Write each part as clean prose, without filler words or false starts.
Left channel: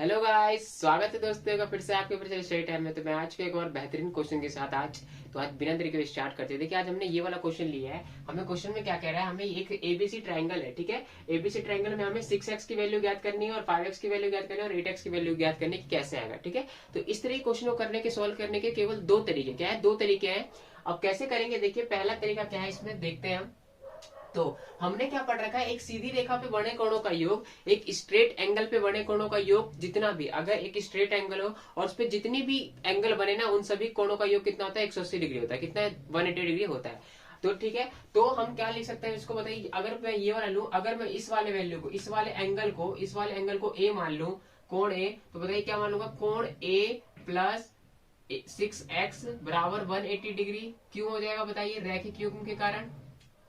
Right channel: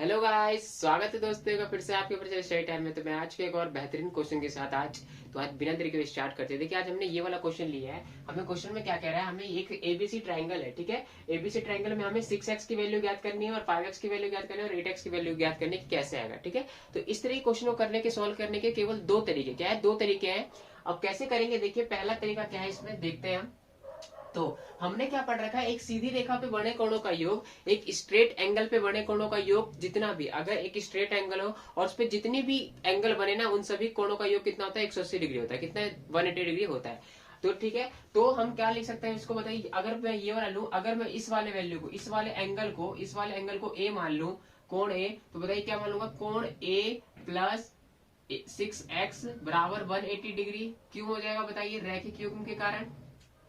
Hello guys, स्वागत है दोस्तों का फिर से आपके परिचय स्टडी टाइम में। तो मैं आज के एक और बेहतरीन क्वेश्चन के साथ आज बिना देरी के स्टार्ट करते हैं। देखिए, आज हमने ये वाला क्वेश्चन लिया है। हमें क्वेश्चन में क्या कह रहा है, हमें एक एबीसी ट्राइंगल है, ठीक है। एबीसी ट्राइंगल में हमें 6x की वैल्यू ज्ञात करनी है और 5x की वैल्यू ज्ञात करनी है और 8x की वैल्यू ज्ञात करनी है कि कैसे आएगा, ठीक है। तो इस तरह के क्वेश्चन को करने के सोल्व करने के केवल दो तरीके, क्या है, दो तरीके हैं। अब कैसे करेंगे, देखिए पहला तरीका क्या है, इसमें देखते हैं हम। तो हमने क्या पढ़ रखा है, एक सीधी रेखा पे बने कोणों का योग, एक स्ट्रेट एंगल पे बने कोणों का योग, जितना भी, अगर एक स्ट्रेट एंगल हो और उस पर जितनी भी एंगल बने ना, उन सभी कोणों का योग कितना होता है, 180 डिग्री होता है। कितना है, 180 डिग्री होता है। तो ठीक है, तो हम क्या लिख सकते हैं इसको, बताइए। अगर मैं ये वाला लूं, अगर मैं इस वाले वैल्यू को, इस वाले एंगल को ए मान लूं, कोण ए, तो बताइए क्या मान लूंगा, कोण ए प्लस 6x बराबर 180 डिग्री क्यों हो जाएगा, बताइए, रैखिक युग्म के कारण,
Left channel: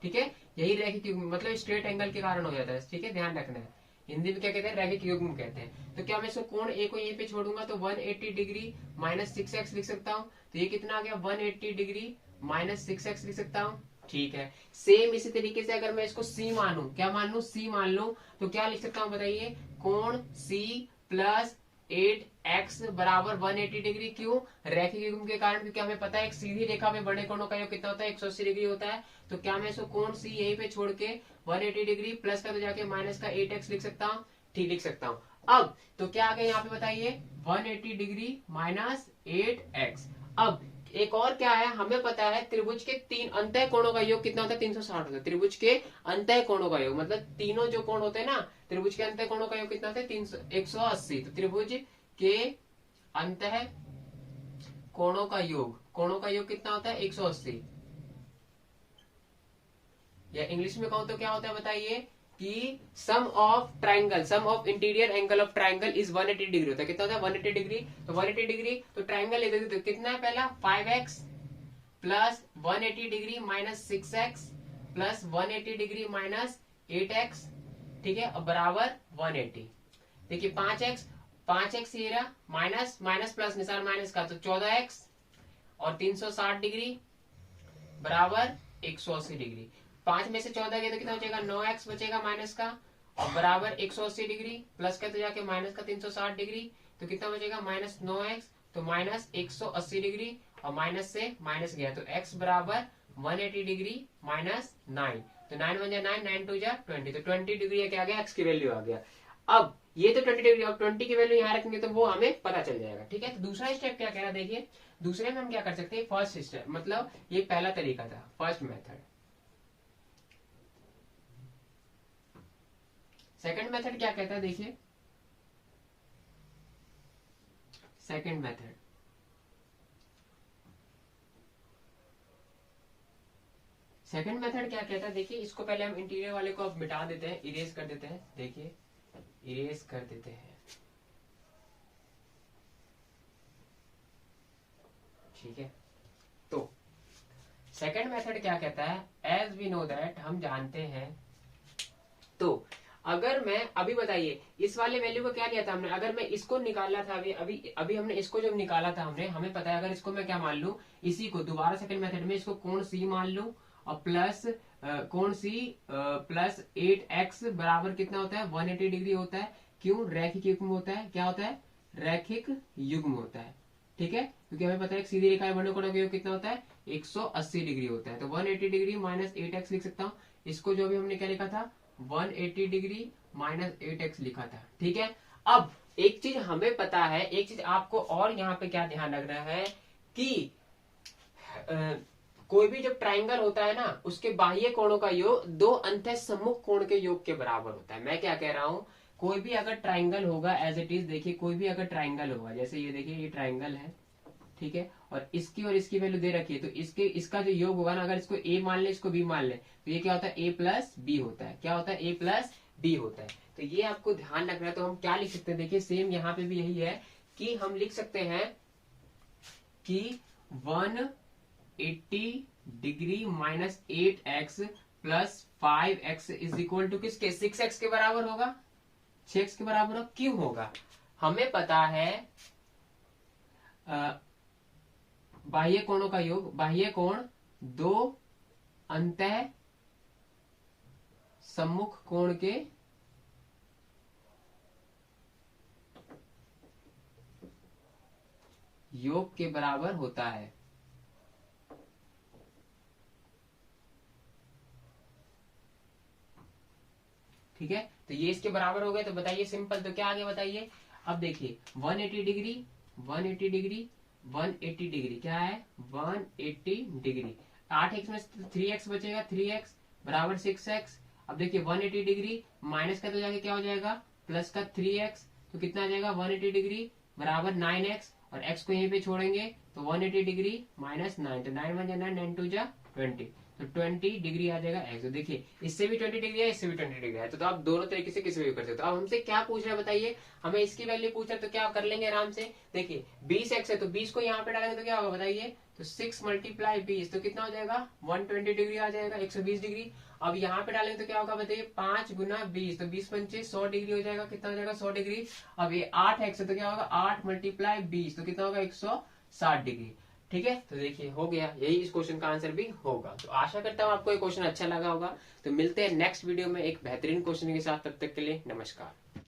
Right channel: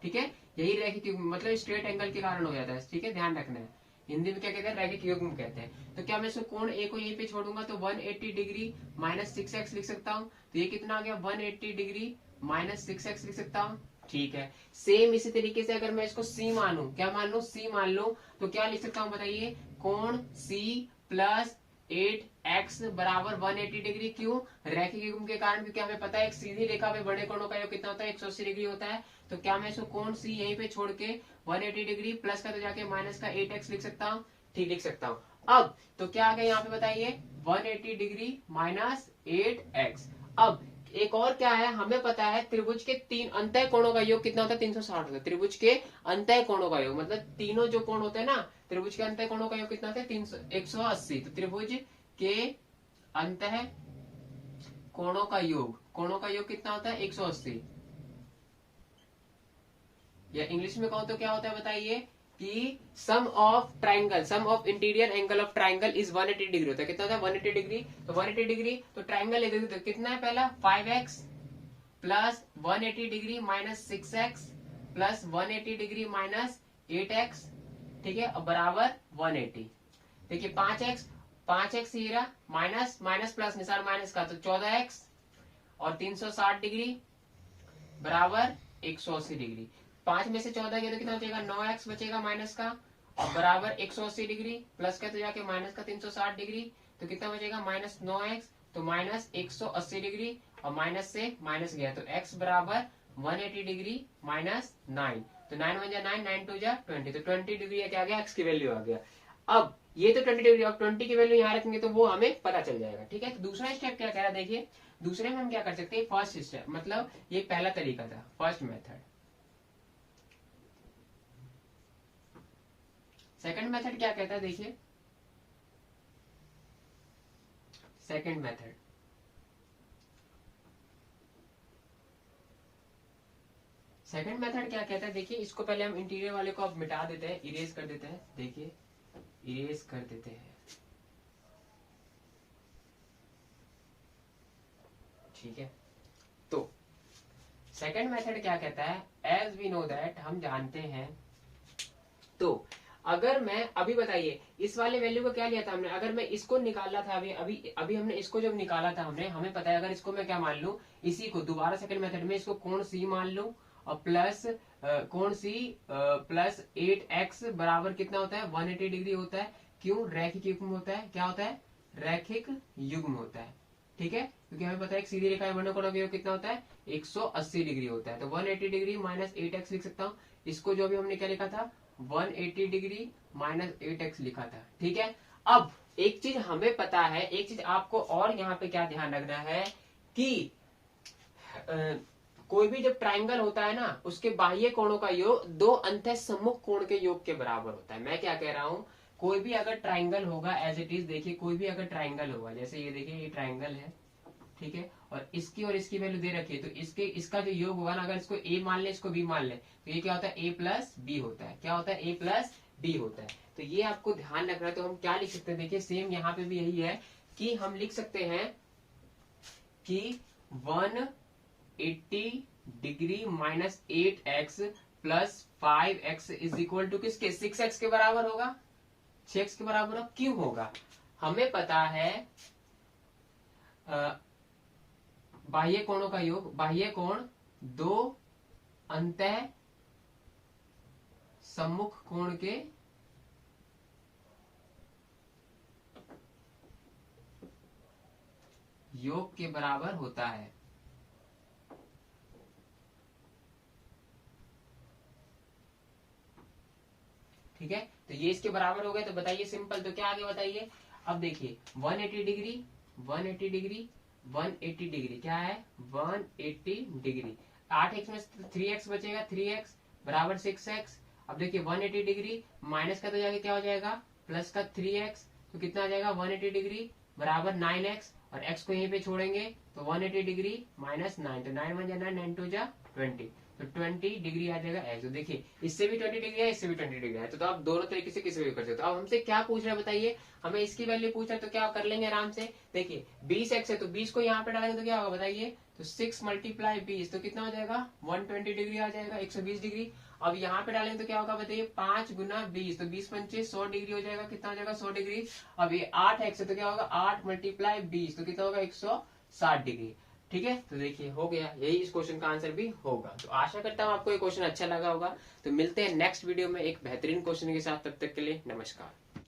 ठीक है। यही रैखिक युग्म मतलब स्ट्रेट एंगल के कारण हो जाता है, ठीक है, ध्यान रखना है। हिंदी में क्या कहते हैं, रैखिक युग्म कहते हैं। तो क्या मैं इसको कोण ए को यहीं पे छोड़ूंगा तो 180 डिग्री माइनस 6x लिख सकता हूँ। तो ये कितना आ गया, 180 डिग्री माइनस 6x लिख सकता हूँ, ठीक है। सेम इसी तरीके से अगर मैं इसको c मानू, क्या मान लू, c मान लू, तो क्या लिख सकता हूँ, बताइए, कोण c प्लस 8x बराबर 180 डिग्री क्यों, रैखिक युग्म के कारण, क्योंकि हमें पता है एक सीधी रेखा में बड़े कोणों का योग कितना होता है, 180 डिग्री होता है। तो क्या मैं इसको कोण सी यहीं पे छोड़ के 180 डिग्री प्लस का तो जाके माइनस का 8x लिख सकता हूँ, ठीक लिख सकता हूँ। अब तो क्या आ गया यहाँ पे, बताइए, 180 डिग्री माइनस 8x। अब एक और क्या है, हमें पता है त्रिभुज के तीन अंतः कोणों का योग कितना होता है, 360 होता है। त्रिभुज के अंतः कोणों का योग मतलब तीनों जो कोण होते हैं ना, त्रिभुज के अंतः कोणों का योग कितना होता है, 180। तो त्रिभुज के अंतः कोणों का योग कितना होता है, 180। या इंग्लिश में कहूं तो क्या होता है, बताइए, कि sum of interior angle of triangle is 180 degree होता है। कितना होता है, 180 डिग्री। तो 180 डिग्री तो ट्राइंगल ले देते, तो कितना है, पहला 5x plus 180 degree minus 6x plus 180 degree minus 8x, ठीक है, अब बराबर 180। देखिए 5x ये रहा, माइनस माइनस प्लस निशान माइनस का, तो 14x और 360 डिग्री बराबर 180 डिग्री। 5 में से 14 गया तो कितना बचेगा, 9x बचेगा माइनस का, और बराबर 180 डिग्री प्लस का तो जाके माइनस का 360 डिग्री, तो कितना बचेगा, माइनस 9x, तो माइनस 180 डिग्री, और माइनस से माइनस गया तो x बराबर 180 डिग्री माइनस 9। तो 9 1 जा 9, 9 2 जा 20, तो 20 डिग्री क्या आ गया, x की वैल्यू आ गया। अब ये तो 20 डिग्री, अब 20 की वैल्यू यहाँ रखेंगे तो वो हमें पता चल जाएगा, ठीक है। तो दूसरा स्टेप क्या कह रहा है, देखिए दूसरे में हम क्या कर सकते हैं, फर्स्ट स्टेप मतलब ये पहला तरीका था, फर्स्ट मेथड। सेकंड मेथड क्या कहता है, देखिए सेकंड मेथड, सेकंड मेथड क्या कहता है, देखिए इसको पहले हम इंटीरियर वाले को अब मिटा देते हैं, इरेज कर देते हैं, देखिए इरेज कर देते हैं, ठीक है। तो सेकंड मेथड क्या कहता है, एज वी नो दैट, हम जानते हैं। तो अगर मैं अभी, बताइए, इस वाले वैल्यू को क्या लिया था हमने, अगर मैं इसको निकाला था, अभी अभी अभी हमने इसको जब निकाला था हमने, हमें पता है अगर इसको मैं क्या मान लू, इसी को दोबारा सेकंड मेथड में इसको कोण सी मान लू, और प्लस कोण सी प्लस 8x बराबर कितना होता है, 180 डिग्री होता है। क्यों, रैखिक युग्म होता है, क्या होता है, रैखिक युग्म होता है, ठीक है। क्योंकि हमें पता है सीधी रेखा में बने कोणों का योग कितना होता है, 180 डिग्री होता है। तो 180 डिग्री माइनस 8x लिख सकता हूँ। इसको जो भी हमने क्या लिखा था, 180 डिग्री माइनस 8x लिखा था, ठीक है। अब एक चीज हमें पता है, एक चीज आपको और यहाँ पे क्या ध्यान रखना है कि कोई भी जब ट्राइंगल होता है ना, उसके बाह्य कोणों का योग दो अंतः सम्मुख कोण के योग के बराबर होता है। मैं क्या कह रहा हूं, कोई भी अगर ट्राइंगल होगा एज इट इज, देखिए कोई भी अगर ट्राइंगल होगा, जैसे ये देखिए ये ट्राइंगल है, ठीक है, और इसकी वैल्यू दे रखी है, तो इसका जो योग होगा ना, अगर इसको ए मान ले, इसको बी मान ले, तो ये क्या होता है, ए प्लस बी होता है। क्या होता है, ए प्लस बी होता है। तो ये आपको ध्यान रखना है। तो हम क्या लिख सकते हैं, देखिए सेम यहाँ पे भी यही है कि हम लिख सकते हैं कि 180 degree minus 8x plus 5x is equal to किसके, 6x के बराबर होगा, 6x के बराबर होगा। क्यों होगा, हमें पता है बाह्य कोणों का योग, बाह्य कोण दो अंतः सम्मुख कोण के योग के बराबर होता है। ठीक है, तो ये इसके बराबर हो गए। तो बताइए सिंपल, तो क्या आगे बताइए। अब देखिए 180 डिग्री 180 डिग्री 180 डिग्री क्या है 180 डिग्री। 8x में 3x बचेगा, 3x बराबर 6x। अब देखिए 180 डिग्री माइनस का तो जाके क्या हो जाएगा प्लस का 3x, तो कितना आ जाएगा 180 डिग्री बराबर 9x, और x को यहीं पे छोड़ेंगे तो 180 डिग्री माइनस 9, तो 9 1 जा 9, 9 2 जा 20, तो 20 डिग्री आ जाएगा x। तो देखिए इससे भी 20 डिग्री है, इससे भी 20 डिग्री है, तो आप दोनों तरीके से किसी भी कर सकते हो। अब हमसे क्या पूछ रहे हैं बताइए, हमें इसकी वैल्यू पूछ रहे हैं, तो क्या कर लेंगे आराम से। देखिए 20x है तो 20 को यहाँ पे डालेंगे तो क्या होगा बताइए, तो 6 मल्टीप्लाई 20 तो कितना हो जाएगा 120 डिग्री आ जाएगा, 120 डिग्री। अब यहाँ पे डालेंगे तो क्या होगा बताइए 5 गुना 20, तो 20 पंचे 100 डिग्री हो जाएगा, कितना हो जाएगा 100 डिग्री। अब ये 8x है तो क्या होगा 8 मल्टीप्लाई 20 तो कितना होगा 160 डिग्री। ठीक है, तो देखिए हो गया, यही इस क्वेश्चन का आंसर भी होगा। तो आशा करता हूँ आपको ये क्वेश्चन अच्छा लगा होगा। तो मिलते हैं नेक्स्ट वीडियो में एक बेहतरीन क्वेश्चन के साथ, तब तक के लिए नमस्कार।